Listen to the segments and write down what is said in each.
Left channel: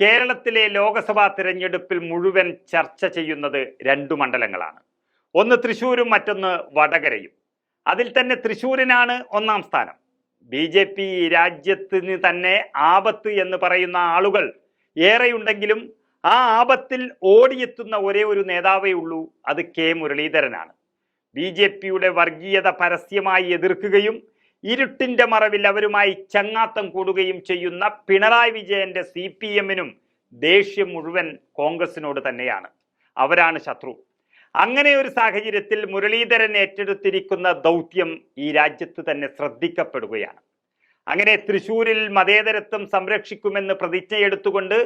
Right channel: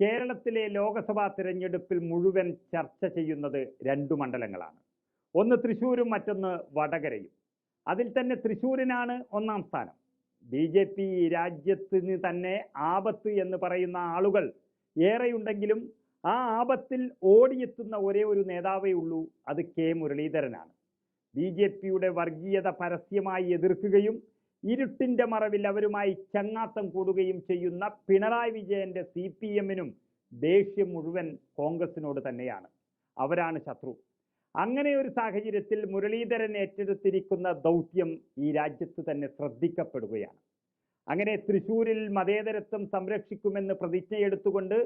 കേരളത്തിലെ ലോക്സഭാ തിരഞ്ഞെടുപ്പിൽ മുഴുവൻ ചർച്ച ചെയ്യുന്നത് രണ്ടു മണ്ഡലങ്ങളാണ്. ഒന്ന് തൃശ്ശൂരും മറ്റൊന്ന് വടകരയും. അതിൽ തന്നെ തൃശ്ശൂരിനാണ് ഒന്നാം സ്ഥാനം. ബി ജെ പി രാജ്യത്തിന് തന്നെ ആപത്ത് എന്ന് പറയുന്ന ആളുകൾ ഏറെയുണ്ടെങ്കിലും ആ ആപത്തിൽ ഓടിയെത്തുന്ന ഒരേ ഒരു നേതാവേ ഉള്ളൂ അത് കെ മുരളീധരനാണ്. ബി ജെ പിയുടെ വർഗീയത പരസ്യമായി എതിർക്കുകയും ഇരുട്ടിന്റെ മറവിൽ അവരുമായി ചങ്ങാത്തം കൂടുകയും ചെയ്യുന്ന പിണറായി വിജയന്റെ സി പി എമ്മിനും ദേഷ്യം മുഴുവൻ കോൺഗ്രസിനോട് തന്നെയാണ്. അവരാണ് ശത്രു. അങ്ങനെ ഒരു സാഹചര്യത്തിൽ മുരളീധരൻ ഏറ്റെടുത്തിരിക്കുന്ന ദൗത്യം ഈ രാജ്യത്ത് തന്നെ ശ്രദ്ധിക്കപ്പെടുകയാണ്. അങ്ങനെ തൃശൂരിൽ മതേതരത്വം സംരക്ഷിക്കുമെന്ന് പ്രതിജ്ഞയെടുത്തുകൊണ്ട്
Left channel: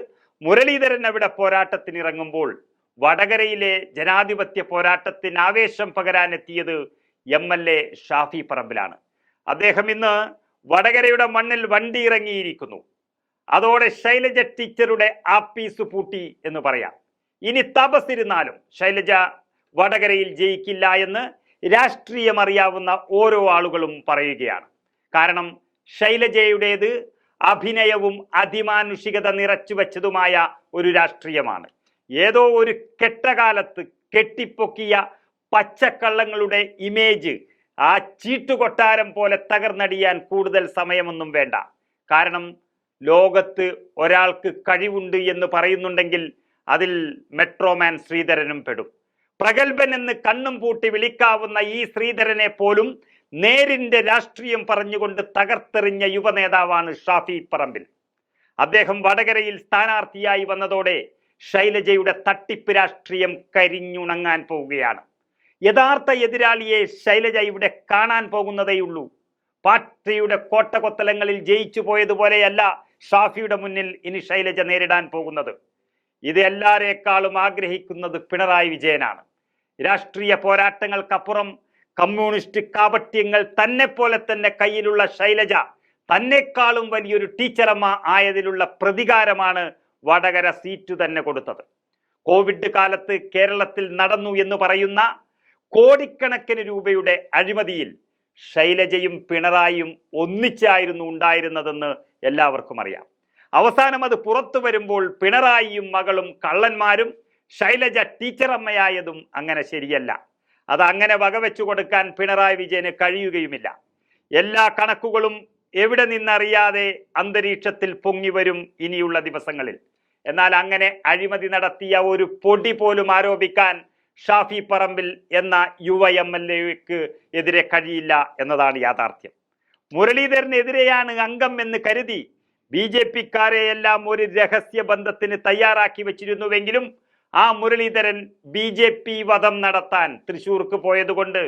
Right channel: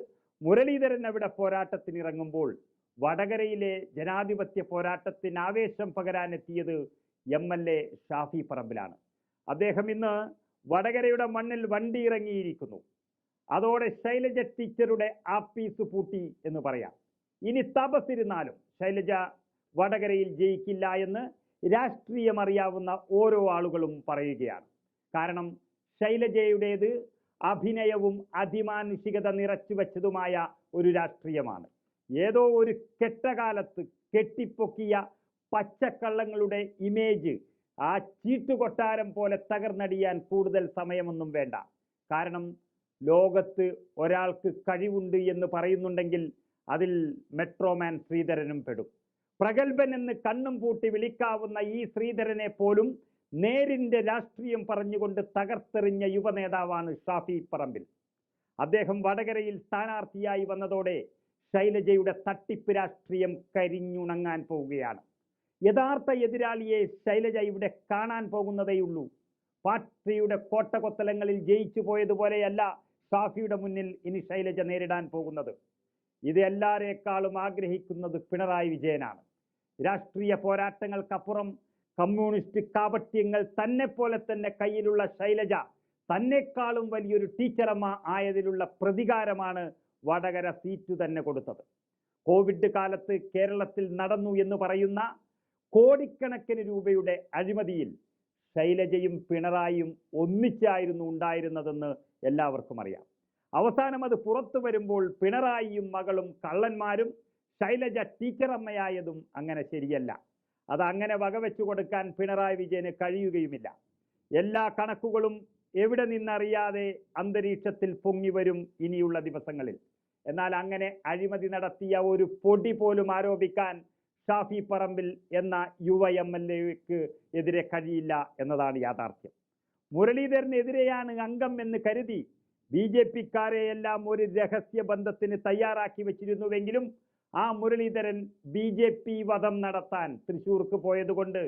മുരളീധരൻ അവിടെ പോരാട്ടത്തിനിറങ്ങുമ്പോൾ വടകരയിലെ ജനാധിപത്യ പോരാട്ടത്തിന് ആവേശം പകരാനെത്തിയത് എം എൽ എ ഷാഫി പറമ്പിലാണ്. അദ്ദേഹം ഇന്ന് വടകരയുടെ മണ്ണിൽ വണ്ടി ഇറങ്ങിയിരിക്കുന്നു. അതോടെ ശൈലജ ടീച്ചറുടെ ആപ്പീസ് പൂട്ടി എന്ന് പറയാം. ഇനി തപസ്സിരുന്നാലും ശൈലജ വടകരയിൽ ജയിക്കില്ല എന്ന് രാഷ്ട്രീയം അറിയാവുന്ന ഓരോ ആളുകളും പറയുകയാണ്. കാരണം ശൈലജയുടേത് അഭിനയവും അതിമാനുഷികത നിറച്ചു വച്ചതുമായ ഒരു രാഷ്ട്രീയമാണ്. ഏതോ ഒരു കെട്ടകാലത്ത് കെട്ടിപ്പൊക്കിയ പച്ചക്കള്ളങ്ങളുടെ ഇമേജ് ആ ചീട്ടുകൊട്ടാരം പോലെ തകർന്നടിയാൻ കൂടുതൽ സമയമൊന്നും വേണ്ട. കാരണം ലോകത്ത് ഒരാൾക്ക് കഴിവുണ്ട് എന്ന് പറയുന്നുണ്ടെങ്കിൽ അതിൽ മെട്രോമാൻ ശ്രീധരനും പെടും. പ്രഗത്ഭൻ എന്ന് കണ്ണും പൂട്ടി വിളിക്കാവുന്ന ഈ ശ്രീധരനെ പോലും നേരിന്റെ രാഷ്ട്രീയം പറഞ്ഞുകൊണ്ട് തകർത്തെറിഞ്ഞ യുവനേതാവാണ് ഷാഫി പറമ്പിൽ. അദ്ദേഹം വടകരയിൽ സ്ഥാനാർത്ഥിയായി വന്നതോടെ ശൈലജയുടെ തട്ടിപ്പ് രാഷ്ട്രീയം കരിഞ്ഞുണങ്ങാൻ പോവുകയാണ്. യഥാർത്ഥ എതിരാളിയെ ശൈലജ ഇവിടെ കാണാൻ പോകുന്നതേയുള്ളൂ. പാർട്ടിയുടെ കോട്ടകൊത്തലങ്ങളിൽ ജയിച്ചു പോയതുപോലെയല്ല ഷാഫിയുടെ മുന്നിൽ ഇനി ശൈലജ നേരിടാൻ പോകുന്നത്. ഇത് എല്ലാരേക്കാളും ആഗ്രഹിക്കുന്നത് പിണറായി വിജയനാണ്. രാഷ്ട്രീയ പോരാട്ടങ്ങൾക്കപ്പുറം കമ്മ്യൂണിസ്റ്റ് കാപട്യങ്ങൾ തന്നെ പോലെ തന്നെ കയ്യിലുള്ള ശൈലജ തന്നെക്കാളും വലിയൊരു ടീച്ചറമ്മ ആയതിലുള്ള പ്രതികാരമാണ് വടകര സീറ്റ് തന്നെ കൊടുത്തത്. കോവിഡ് കാലത്ത് കേരളത്തിൽ നടന്നു എന്ന് പറയുന്ന കോടിക്കണക്കിന് രൂപയുടെ അഴിമതിയിൽ ശൈലജയും പിണറായിയും ഒന്നിച്ചായിരുന്നു ഉണ്ടായിരുന്നതെന്ന് എല്ലാവർക്കും അറിയാം. അവസാനം അത് പുറത്തു വരുമ്പോൾ പിണറായിയും മകളും കള്ളന്മാരും ശൈലജ ടീച്ചറമ്മയായതും അങ്ങനെ ശരിയല്ല. അത് അങ്ങനെ വകവെച്ചു കൊടുക്കാൻ പിണറായി വിജയന് കഴിയുകയുമില്ല. എല്ലാ കണക്കുകളും എവിടെ നിന്നറിയാതെ അന്തരീക്ഷത്തിൽ പൊങ്ങി വരും ഇനിയുള്ള ദിവസങ്ങളിൽ. എന്നാൽ അങ്ങനെ അഴിമതി നടത്തിയ ഒരു പൊടി പോലും ആരോപിക്കാൻ ഷാഫി പറമ്പിൽ എന്ന യുവ എം എൽ എക്ക് എതിരെ കഴിയില്ല എന്നതാണ് യാഥാർത്ഥ്യം. മുരളീധരനെതിരെയാണ് അംഗം എന്ന് കരുതി ബി ജെ പിക്കാരെയെല്ലാം ഒരു രഹസ്യ ബന്ധത്തിന് തയ്യാറാക്കി വെച്ചിരുന്നുവെങ്കിലും ആ മുരളീധരൻ ബി ജെ പി വധം നടത്താൻ തൃശൂർക്ക് പോയതുകൊണ്ട്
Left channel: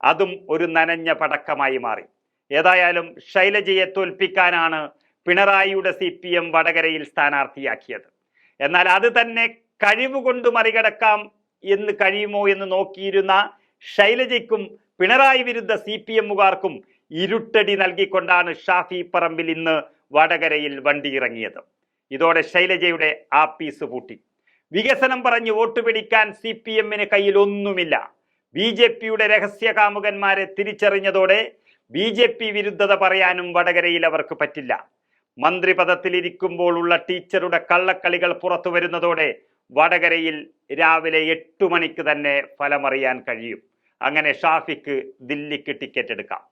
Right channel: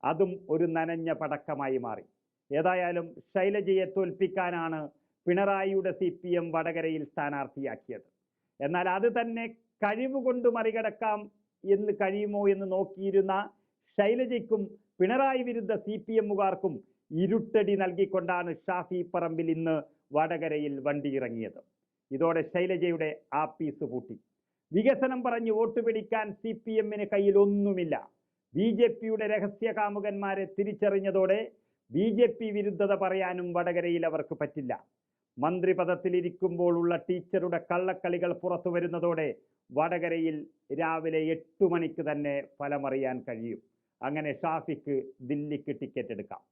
അതും ഒരു നനഞ്ഞ പടക്കമായി മാറി. ഏതായാലും ശൈലജയെ തോൽപ്പിക്കാനാണ് പിണറായിയുടെ സി പി എം വടകരയിൽ സ്ഥാനാർത്ഥിയാക്കിയത്. എന്നാൽ അത് തന്നെ കഴിവുകൊണ്ട് മറികടക്കാം എന്ന് കഴിയുമോ എന്ന് നോക്കിയിരുന്ന ശൈലജയ്ക്കും പിണറായി വിരുദ്ധ സി പി എമ്മുകാർക്കും ഇരുട്ടടി നൽകിക്കൊണ്ടാണ് ഷാഫി പറമ്പിൽ ഇന്ന് വടകരയിൽ വണ്ടി ഇറങ്ങിയത്. ഇതോടെ ശൈലജയുടെ ആ പീസ് പൂട്ടി. വികസനം പറഞ്ഞ് വോട്ട് പിടിക്കാൻ സി പി എമ്മിന് കയ്യിൽ ഒന്നുമില്ല ബി ജെ പിയുടെ രഹസ്യ കാമുകന്മാരെ തിരിച്ചറിഞ്ഞതോടെ ബി ജെ പി വിരുദ്ധത പറയാനും വടകരയിൽ അവർക്ക് പറ്റില്ല. മന്ത്രി പദത്തിലിരിക്കുമ്പോൾ ഉള്ള ടീച്ചറുടെ കള്ളക്കളികൾ പുറത്തു വരുന്നതോടെ വടകരയിൽ രാവിലെ എട്ടു മണിക്ക് തന്നെ ഫലമറിയാൻ കഴിയും. അങ്ങനെ ഷാഫിക്ക് ദില്ലിക്ക് ടിക്കറ്റ് എടുക്കാം.